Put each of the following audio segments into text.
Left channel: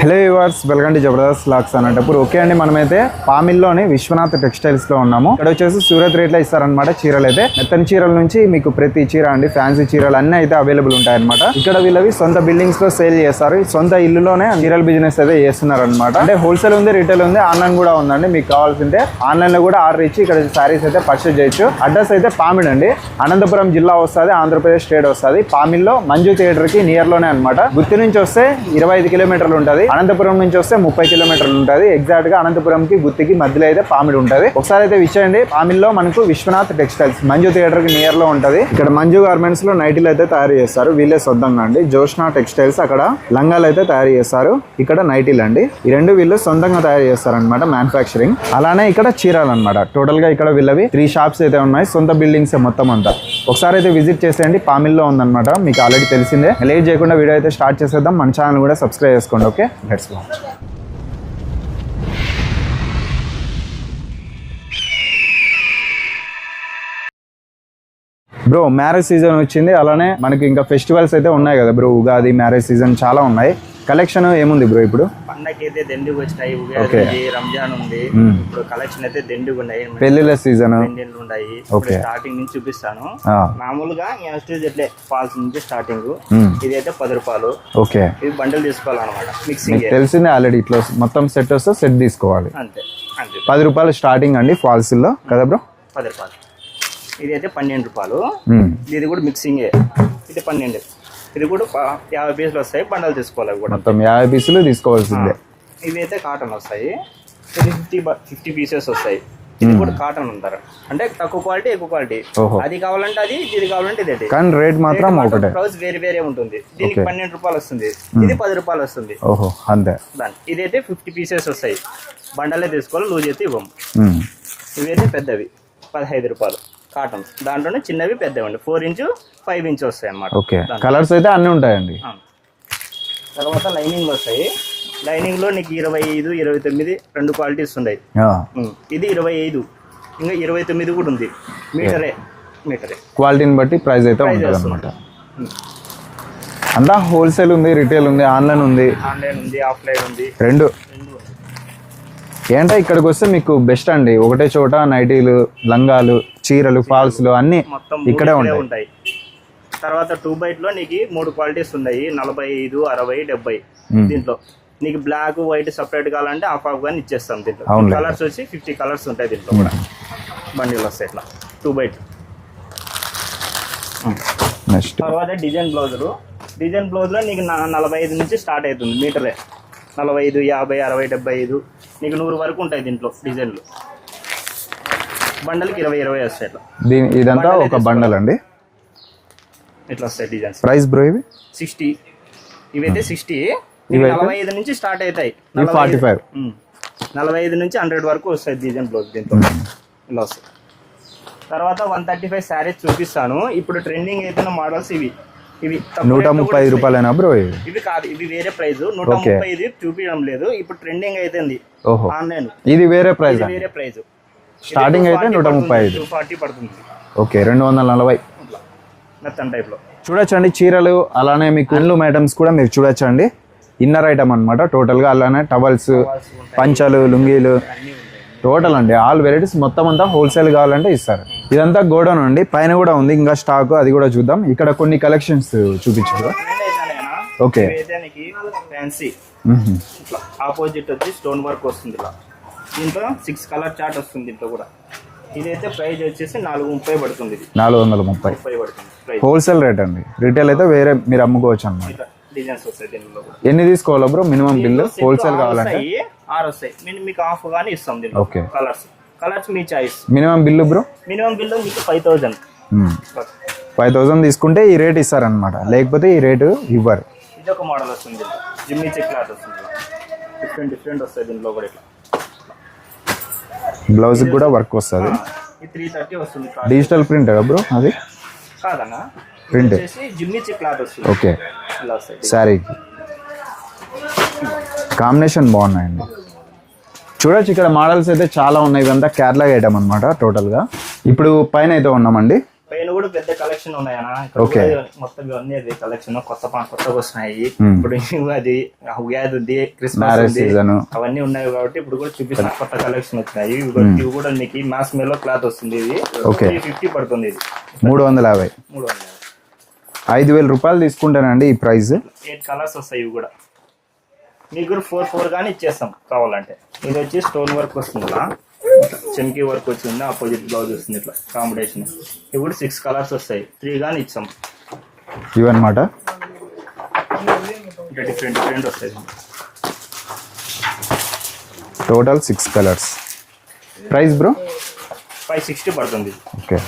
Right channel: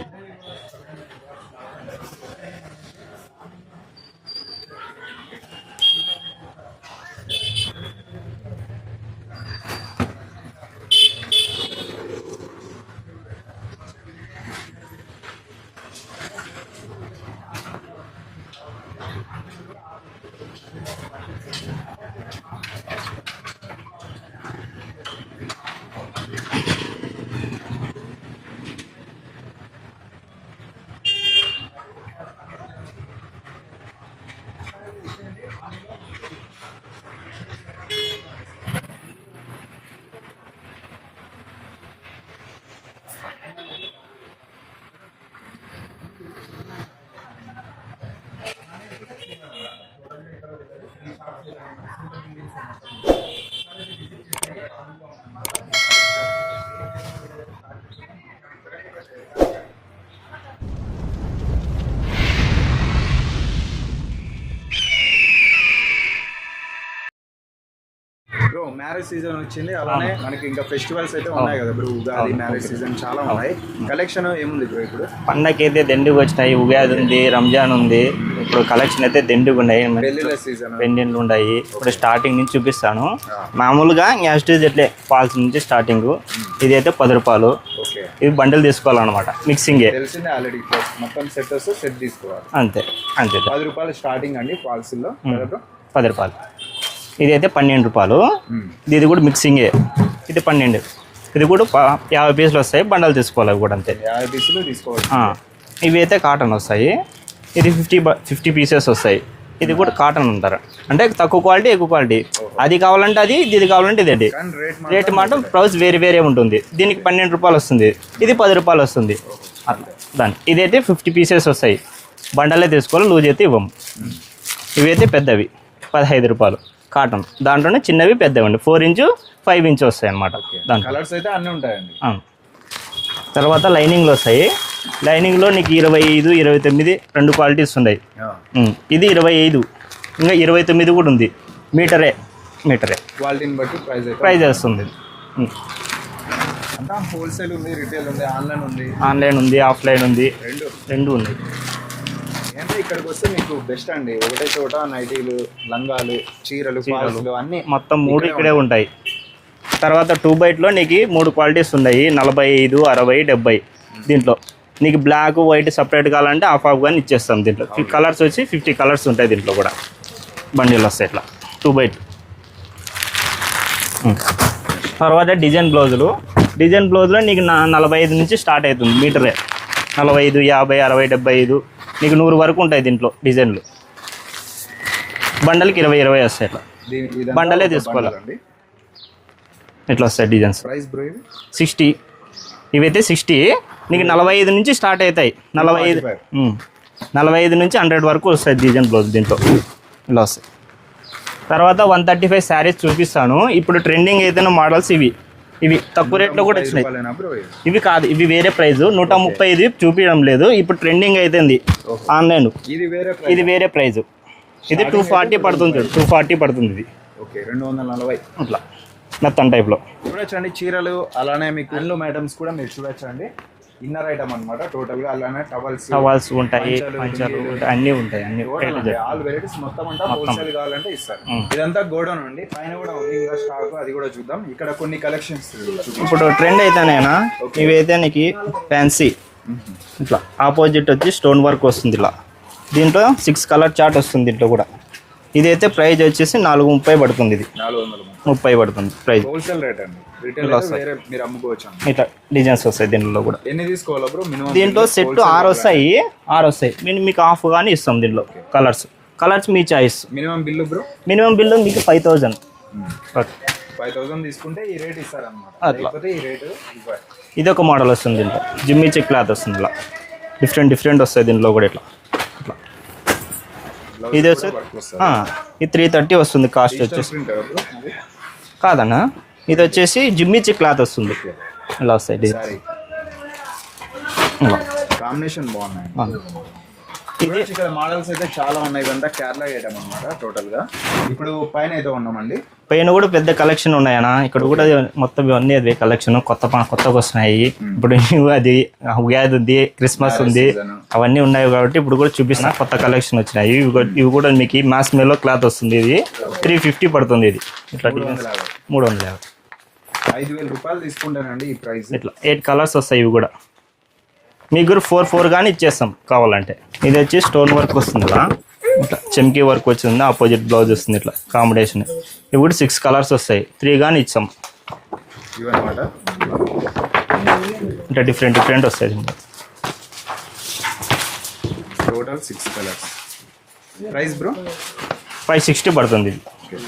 Hello viewers, welcome to Jabardasth lakhs అన్నప్పుడు okay అండి. మనమైతే పామిల్లోని విశ్వనాథ్ టెక్స్టైల్స్ లో ఉన్నాము. ఇక్కడ వచ్చేసి సూరత్ రేట్లో ఇస్తారనమాట చీరలు అయితే. మెత్తని చీరల నుంచి మీకు ప్రతి చీర అండి, ఫ్యాన్సీ చీరలు అన్నీ అయితే అవైలబుల్ ఉంటాయి అనమాట. ఇక్కడ వీళ్ళవి సొంత బిల్డింగ్స్ లో సేల్ చేస్తారు. సొంత ఇల్లులోనే చీరల బిజినెస్ అయితే చేస్తున్నారు అనమాట. అంటే హోల్సేల్ ఉంది, రిటైల్ ఉంది, ఆన్లైన్ కూడా ఉందండి. మీకు కావాల్సింటే ఆన్లైన్ లో కూడా ఆర్డర్ ఇచ్చి ఇక్కడ శారీస్ అయితే పర్చేజ్ చేయొచ్చు. అడ్రస్ అయితే పామిడ్ అండి, అనంతపురం జిల్లా వస్తుంది, ఆంధ్రప్రదేశ్ స్టేట్ వస్తుంది. పామిల్లో మంజు థియేటర్ కి నియర్ లోనే అనమాట. గుత్తి నుంచి వస్తే 25 కిలోమీటర్లు ఉంటుంది. అనంతపురం నుంచి వస్తే 30 కిలోమీటర్లు ఉంటుంది. ఎగ్జాక్ట్ గా అనంతపురంకి గుత్తికి మధ్యలో అయితే పామిడి ఉంటుంది. ఒకసారి అయితే విచ్చేయండి. పామిల్లో మనకు విశ్వనాథ్ టెక్స్టైల్స్ మంజు థియేటర్ కి నియర్ లో ఉంటది. ఇక్కడ మంజు గార్మెంట్స్ లో నైటీలు అయితే తయారు చేస్తారు, వీళ్ళే సొంతంగా అండి. జోష్నా టెక్స్టైల్స్ అక్కడ లంగాలు అయితే తయారు చేస్తారు, ఇక్కడ నైటీలు అండి. ఈ రెండు వీళ్ళు సొంతంగా తయారు చేస్తారు అనమాట, మ్యానుఫాక్చరింగ్. అలానే ఇక్కడ చీరలు అనమాట. టోటల్ గా ఇక్కడ వీళ్ళవి 3 షాప్స్ అయితే ఉన్నాయి, సొంత బిల్డింగ్స్ మొత్తం అంతా. ఒకసారి అయితే విజిట్ చేసేయండి. పామిల్లో ఉందన్నమాట, మీకు ఆల్రెడీ తెలిసిందే. లేట్ చేయకుండా వీడియో అయితే స్టార్ట్ చేసేద్దాం. మన ఛానల్ కూడా సబ్స్క్రైబ్ చేసుకోండి. Okay, let's go. Bro, marriage season వచ్చింది, అలానే మనకి ఇంకా ఫెస్టివల్స్ అయితే ఉన్నాయి కదా బ్రో. ఉగాది, మ్యారేజ్ సీజన్ చాలా ఉన్నాయి. కలెక్షన్ ఏముంది బ్రో ఇప్పుడు? పండగకి అయితే దండుకు వచ్చినాయి. ఉగాది ఉంది, రంజాన్ ఉంది. ఇప్పుడు కలెక్షన్ అయితే దండుకు ఉన్నాయి. పెళ్లిళ్ళ సీజన్ పెళ్లిళ్ళు ఉన్నాయి. ఇప్పుడు స్టార్టింగ్ నుంచి చూపిస్తాను. మామూలుగా నెక్స్ట్ ఇట్లే ఫాల్స్ నుంచి స్టార్టింగ్. ఇది అయితే 10 రూపాయలు. ఓకే, ఇది బండిల్ తీసుకోవాలన్నమాట. మిక్సింగ్ తెలిసిందే ఆల్రెడీ. ఇట్లా మొత్తం సెట్ వస్తే సెట్ తీసుకోవాలి. అంతే అంతే. 10 రూపాయలు స్టార్టింగ్ అండి ఫాల్స్ లో కదా బ్రో. 10 రూపాయలు. ఇది అయితే 12 రూపాయలు. ఇది కూడా మిక్సింగే. ఇది 12. ఇది కూడా 50 పీసులు వస్తాయి. బండలు తీసుకోవాలి కూడా. 50 పీసులు తీసుకోవాల్సిందే. ఇవి అయితే కాటన్ వస్తాయి. ఇది 50 పీసెస్ వస్తాయి. ఇది కూడా కాటన్ అంటారు, అంటే తక్కువ క్వాలిటీ ఎక్కువ క్వాలిటీ. అది కావాలంటే అది, ఇది కావాలంటే ఇది. కానీ రేట్ మాత్రం ప్రైస్ వేరే వేరే ఉంటుంది. దీనికి 12 రూపాయలు వస్తుంది, ఇది 10 రూపాయలు వస్తుంది. ఓహో, అంతే. దాని ఇదైతే 50 పీసెస్ వస్తాయి. బండలే తీసుకోవాలి, లూజ్ అయితే ఇవ్వము. ఇవైతే పెద్దవి 15 రూపాయలు. కాటన్ దాంట్లోనే చిన్నవి పెద్దవి 4 ఇంచు 5 ఇంచు వస్తాయి అన్నమాట. ఓకే, కలర్స్ అయితే అన్నీ ఉంటాయండి. తర్వాత లైనింగ్లు వస్తాయి. లైనింగ్లో నీకు 25, 29 2 క్వాలిటీస్ ఉన్నాయి. ఇది 25, ఇంకా 29 కూడా ఉంది. మీటరే క్వాలిటీని బట్టి ప్రైస్ వస్తుంది. అంతా హోల్సేల్ ఉంది, రిటైల్ ఉంది, ఆన్లైన్ ఉంది. ఆఫ్లైన్ ఉంది, రెండు ఉంది. ఏంటంటే ఇక్కడికి వస్తే మీకు బెస్ట్ అండి. ఒకటే చోట నైటీలు, లంగాలు, చీరలు, ఫాల్స్లు అన్ని మొత్తం ఇక్కడే ఉంటాయి. తర్వాత 2x లో నీకు 3 క్వాలిటీస్ ఉన్నాయి. 45, 60, 70. దీంట్లో నీకు బ్లాక్, వైట్ సపరేట్ కావాలంటే హాఫ్ గానీ ఇచ్చేస్తాం. దీంట్లో కలర్స్ వచ్చి 50 కలర్స్ ఉంటాయి. దీంట్లో కూడా బండిలు వస్తాయి ఇట్లా 2x. తర్వాత డిజైన్ బ్లౌజులు నీకు 45 నుంచి స్టార్ట్ అవుతుంది. మీటరే 45, 50, 60, 75 నీకు 100 వరకు ఉంటాయి. దీంట్లో డిజైన్లు బండల్కి 20 వస్తాయి. ఇట్లా బండల్ అండి, ఇట్లా వస్తాయి డిజైన్స్. ప్రైస్ బ్రో ఇవి 60. ఇవైతే 60 నీకు 45 నుంచి స్టార్ట్ అవుతాయి. 45 నుంచి 100 వరకు వస్తాయి డిజైన్ బ్లౌజ్. దీంట్లో ఇలా వస్తాయి. తర్వాత 135 శారీస్ చూపిస్తాను. ఇప్పుడు ట్రెండింగ్ ఏదైనా మోడల్స్ ఇవి తక్కువ రేట్లో కూడా ఇవి కాదు, ఇవి వేరే ప్రైస్. 130 చూపించడం లేదు. ఇప్పుడు ట్రెండింగ్ అయితే ఆన్లైన్. ఇది వేరే ప్రైస్. ఇది 240 పడుతుంది. ఇది ఓకే, 240 అట్లా మెత్తన్ టైప్ లో చూడొచ్చండి. చీరలు అలానే మీకు హ్యాండ్లూమ్ ఐటమ్స్ కూడా మీరు చూడొచ్చండి. ఇన్నర్ ఐటమ్ అనమాట టోటల్ గా. అలానే టవల్స్, పంచలు, లుంగీలు అన్ని ఉంటాయి. టోటల్ అండి ఆల్ వెరైటీస్ మొత్తం అంతా హోల్సేల్ కావాలంటే ఇస్తారు. ఇదంతా గోడౌన్ అండి, పైన కూడా ఉంది ఇంకా స్టాక్, అది కూడా చూద్దాం. ఇక్కడ కొన్ని కలెక్షన్స్ చూపించు. ఇప్పుడు ట్రెండ్ అయితేనేనా ఇవైతే నీకు ఫ్యాన్సీ ఇట్లా ఆపోజిట్ వచ్చి స్టోన్ వర్క్ వస్తుంది. ఇలా దీంట్లో 6 కలర్ చార్ట్ వస్తుంది. దీంట్లో కూడా ఇదైతే ప్రైస్ వచ్చేసి 430 పడుతుంది. ఇది 430 పడుతుంది ప్రైస్. హోల్సేల్ రేట్ అండి. రిటైల్ అయితే వేరే మీరు అమ్ముకోవచ్చు అండి. ఇట్లా డిజైన్స్ వస్తాయి. దీంట్లో కూడా ఎన్ని తీసుకోవాలో బ్రో? మినిమం దీంట్లో సెట్ 6 వస్తాయి. మీకు హాఫ్ గానీ ఇస్తాం. దీంట్లో కలర్స్ మీ choice. Minimum bill bro? Minimum bill మీకు 5000. 5000 తీసుకుంటే ఈ రేట్ ఇస్తారనమాట, లేకపోతే ఈ రేటు ఇవ్వరు. ఇది ఒక మోడల్ వస్తుంది. దీంట్లో జిమ్మి చెక్ క్లాత్ వస్తుంది. ఇలా డిఫరెంట్ వస్తాయి. దీంట్లో కూడా ఇట్లా బ్లౌజ్ కూడా వర్క్ వస్తుంది. ఇది 330 వస్తుంది. Cost digital print bro? అది కాదన్నా, ఇది వచ్చేసి జిమ్మి చెక్ క్లాత్ వస్తుంది. ఓకే, ఇలా వస్తాయి. సారీ కాంబినేషన్ బాగున్నాయండి. చూడొచ్చు ఇక్కడ మోడల్స్ అయితే చాలా ఉన్నాయి. ఇదంతా కేరళ ఐటమ్ అనమాట టోటల్ గా. ఇప్పుడు పైన అయితే ఉన్నామండి. పైన కూడా పెద్ద కలెక్షన్ ఉన్నాయన్నా. ఇక్కడ కూడా మొత్తం ఇవన్నీ అదే కలెక్షన్ కొత్తగా వస్తున్నాయి. ఇప్పుడు అది ఉగాది ఉంది, క్రిస్మస్ ఉంది, అవన్నీ ఉన్నాయి కాబట్టి ఇప్పుడు కూడా చూపిస్తున్నా. కొత్త కలెక్షన్ వచ్చినాయి. ఇవి కూడా మీకు మాస్ మెల్లో క్లాత్ వస్తుంది. ఇది 350 పడుతుంది. ఇది 350 5,000 రూపాయలు తీసుకుంటానండి ఈ ప్రైస్. ఇట్లా 8 కలర్స్ వస్తాయి. ఇవి కూడా మీకు 4 కానీ ఇచ్చేస్తాం కావాలంటే. ఇది వచ్చి స్టోన్ వర్క్ వస్తుంది, ఇట్లా చెమ్కీ వర్క్ వచ్చింది, ఆపోజిట్ బ్లౌజ్ వస్తుంది, ఇట్లా కాంబినేషన్. ఇవి కూడా 6 కలర్స్ వస్తాయి. 3 కానీ ఇచ్చాం. ఇవన్నమాట అంటే డిఫరెంట్ వస్తాయి. Total 6 colours. ప్రైస్ బ్రో 560 పడుతుంది. ఓకే,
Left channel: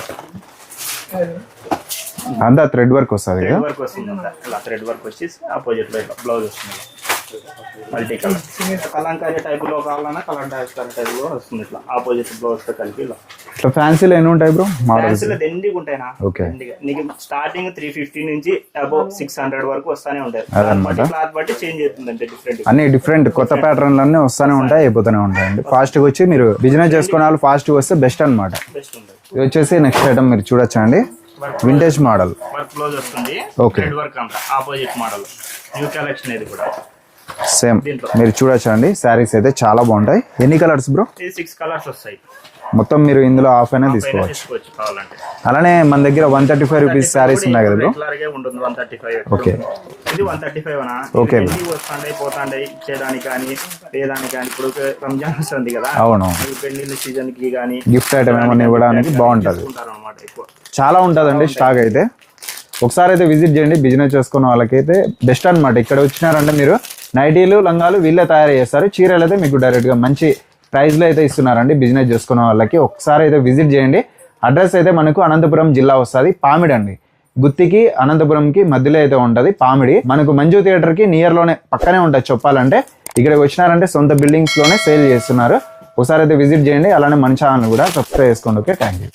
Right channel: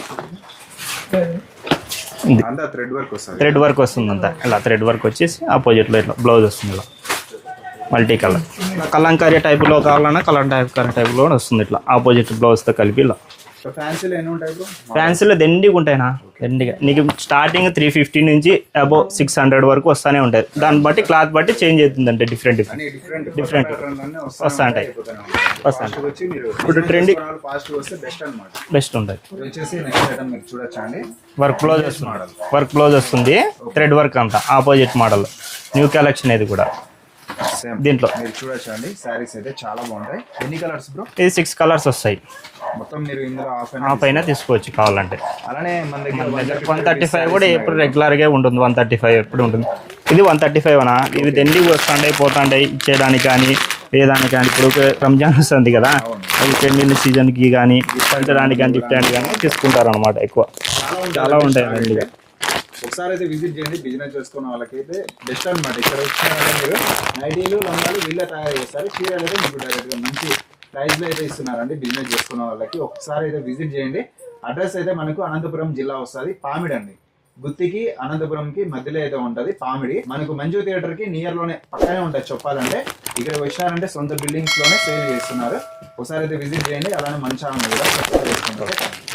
అంతా థ్రెడ్ వర్క్ వస్తుంది. థ్రెడ్ వర్క్ వస్తుంది అంతా. ఇలా థ్రెడ్ వర్క్ వచ్చేసి ఆపోజిట్లో ఇట్లా బ్లౌజ్ వస్తుంది. ఇలా మల్టీ కలర్ కలంకారీ టైప్లో కావాలన్నా కలంకారీ టైప్లో వస్తుంది. ఇట్లా ఆపోజిట్ బ్లౌజ్తో కలిపి ఇలా. ఇట్లా ఫ్యాన్సీలో ఎన్ని ఉంటాయి బ్రో? ఫ్యాన్సీలో దండిగా ఉంటాయినా. దండిగా నీకు స్టార్టింగ్ 350 నుంచి అబౌవ్ 600 వరకు వస్తానే ఉంటాయి. దాన్ని బట్టి క్లాత్ బట్టి చేంజ్ అవుతుంది. అంటే అన్ని డిఫరెంట్ కొత్త ప్యాటర్న్లు అన్నీ వస్తానే ఉంటాయి, అయిపోతూనే ఉంటాయండి. ఫాస్ట్గా వచ్చి మీరు బిజినెస్ చేసుకునే వాళ్ళు ఫాస్ట్గా వస్తే బెస్ట్ అనమాట. బెస్ట్ ఉంటుంది. ఇది వచ్చేసి నెక్స్ట్ ఐటమ్ మీరు చూడొచ్చండి. Work vintage model work blouse వస్తుంది. థ్రెడ్ వర్క్ అంతా ఆపోజిట్ మోడల్. న్యూ కలెక్షన్ ఇది కూడా సేమ్ దీంట్లో మీరు చూడొచ్చండి. శారీస్ అయితే చాలా బాగుంటాయి. ఎన్ని కలర్స్ బ్రో? ఇది 6 కలర్స్ వస్తాయి. మొత్తం మీరు ఇందులో హాఫ్ అయినా తీసుకోవచ్చు కావాలంటే. అలానే మన దగ్గర 135 రూపీస్ శారీస్ ఉన్నాయి కదా, రెగ్యులర్ గా ఉంటుంది. 135 ఎప్పుడు ఉంటుంది. ఇది 135 అనా. ఇవి దండిగా వస్తుంటాయి పోతాంటాయి ఇచ్చేయడానికి కానీ ఏదానికి కానీ. ఇప్పుడు రంజాన్ వస్తుంది కదా, అవును, పెళ్లి సీజన్ కి కానీ గిఫ్ట్ బాగుంటుంది, తీసుకుంటారు అనమాట. ఎక్కువ చాలా ఉంటుంది స్టాక్ అయితే. ఒకసారి అయితే విజిట్ చేయండి. బిజినెస్ చేసుకున్న వాళ్ళకైతే బెస్ట్ అనమాట. ఇక్కడ వచ్చినారంటే మీరు నైటీలు లంగాలు వీళ్ళే తయారు చేస్తారు. చీరలు అయితే మీకు డైరెక్ట్గా మంచి ప్రైస్లో అయితే ఇస్తున్నారండి బిజినెస్ చేసుకున్న వాళ్ళకి. ఒకసారి అయితే విజిట్ చేయండి. అడ్రస్ అయితే మనకు అనంతపురం జిల్లా వస్తుంది. పామిడి అండి. గుత్తికి అనంతపురంకి మధ్యలో అయితే ఉంటుంది పామిడి. మనకు మంజు థియేటర్కి నియర్లోనే పక్కనే ఉంటుంది చెప్పాలంటే. ఇక్కడికి వచ్చినారంటే సొంత బిల్డింగ్స్లోనే సేల్ చేస్తున్నారు. ఒకసారి అయితే విజిట్ చేయండి. అలానే మన ఛానల్ కూడా సబ్స్క్రైబ్ చేసుకోండి. Okay, thank you.